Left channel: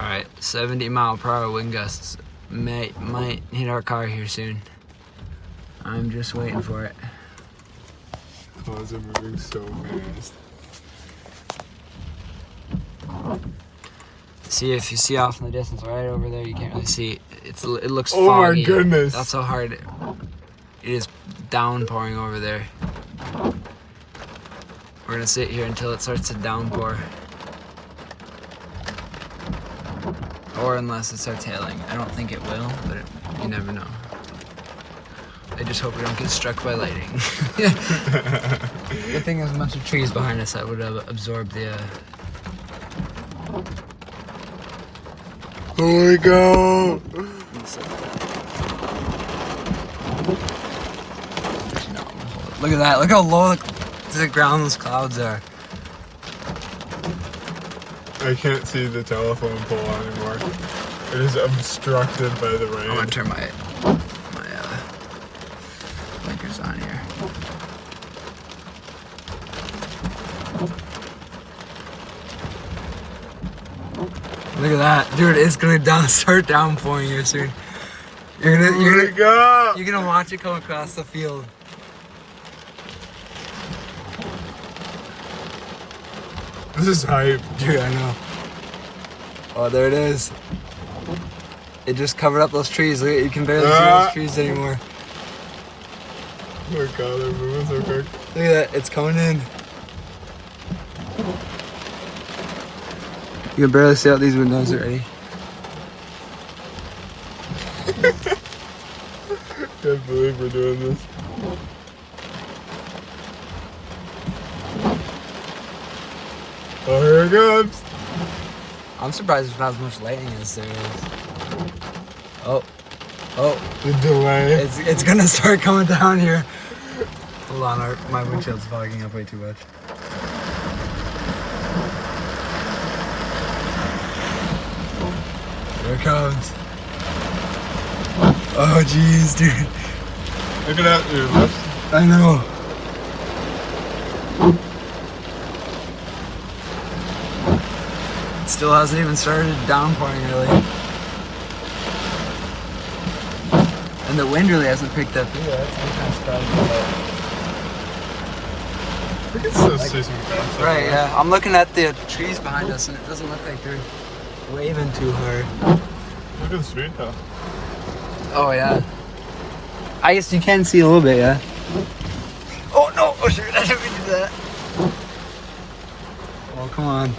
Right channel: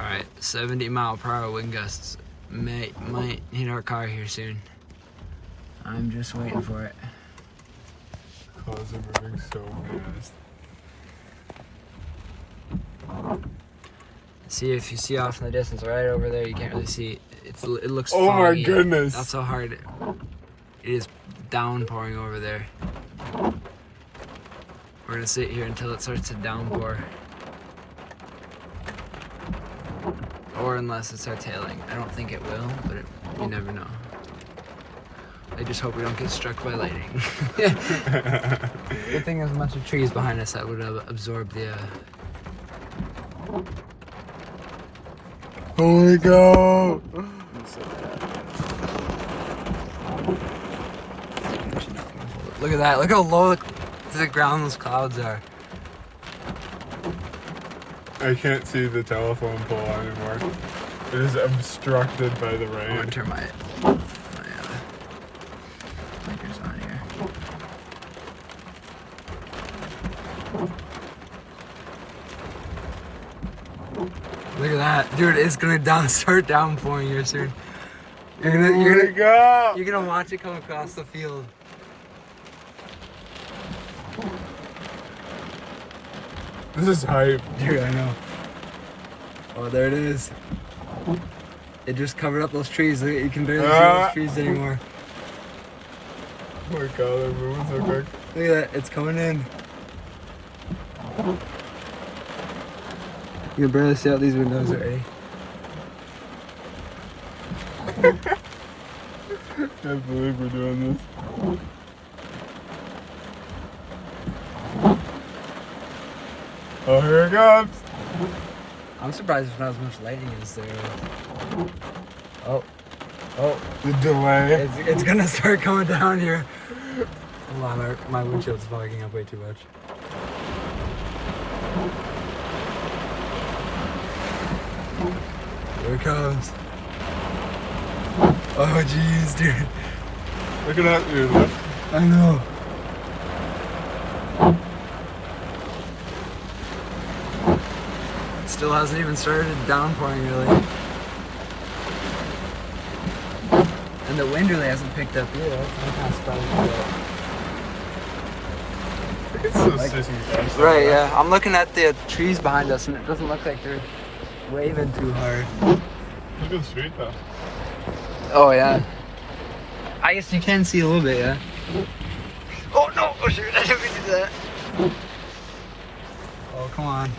Alright, 70-mile-per-hour wind gusts might hit our car here soon. I'm just waiting for it. Clouds are moving so fast. See, if you see off in the distance, right over there, you can't really see it. It looks Oh my foggy. goodness. That's how hard it is downpouring over there. We're gonna sit here until it starts to downpour. Or unless it starts hailing. I don't think it will, but you never know. I just hope we don't get struck by lightning. Good thing there's a bunch of trees behind us that would absorb the... Holy cow! Look at that. Look how low to the ground those clouds are. I can't see the telephone pole anymore. It is obstructed by the rain. I'm gonna turn my blinkers on here. Look at that, dude! It's gonna start downpouring here soon. You're gonna watch it come across the field. This is hype. Dude, I know. Oh, there it is. It just covered up those trees. Look, you can barely see those trees anymore. Oh my god, they're moving so quick. Look at that, it's coming in. You can barely see out these windows already. Can't believe we're doing this. Oh, here it comes. I'm surprised there's not as much lightning as there is. Oh, The delay. it's gonna start coming down here. Hold on, my windshield's fogging up way too much. Here it comes. Oh jeez, dude. Look at that, your left. I know. It still hasn't even started downpouring really. And the wind really hasn't picked up either. That's kind of surprising about. We can still see some fast. Right, yeah. I'm looking at the trees behind us and it doesn't look like they're waving too hard. Look at the street though. Oh yeah. I guess you can see a little bit, yeah. Oh no! Oh shoot! I didn't mean to do that. Oh come on.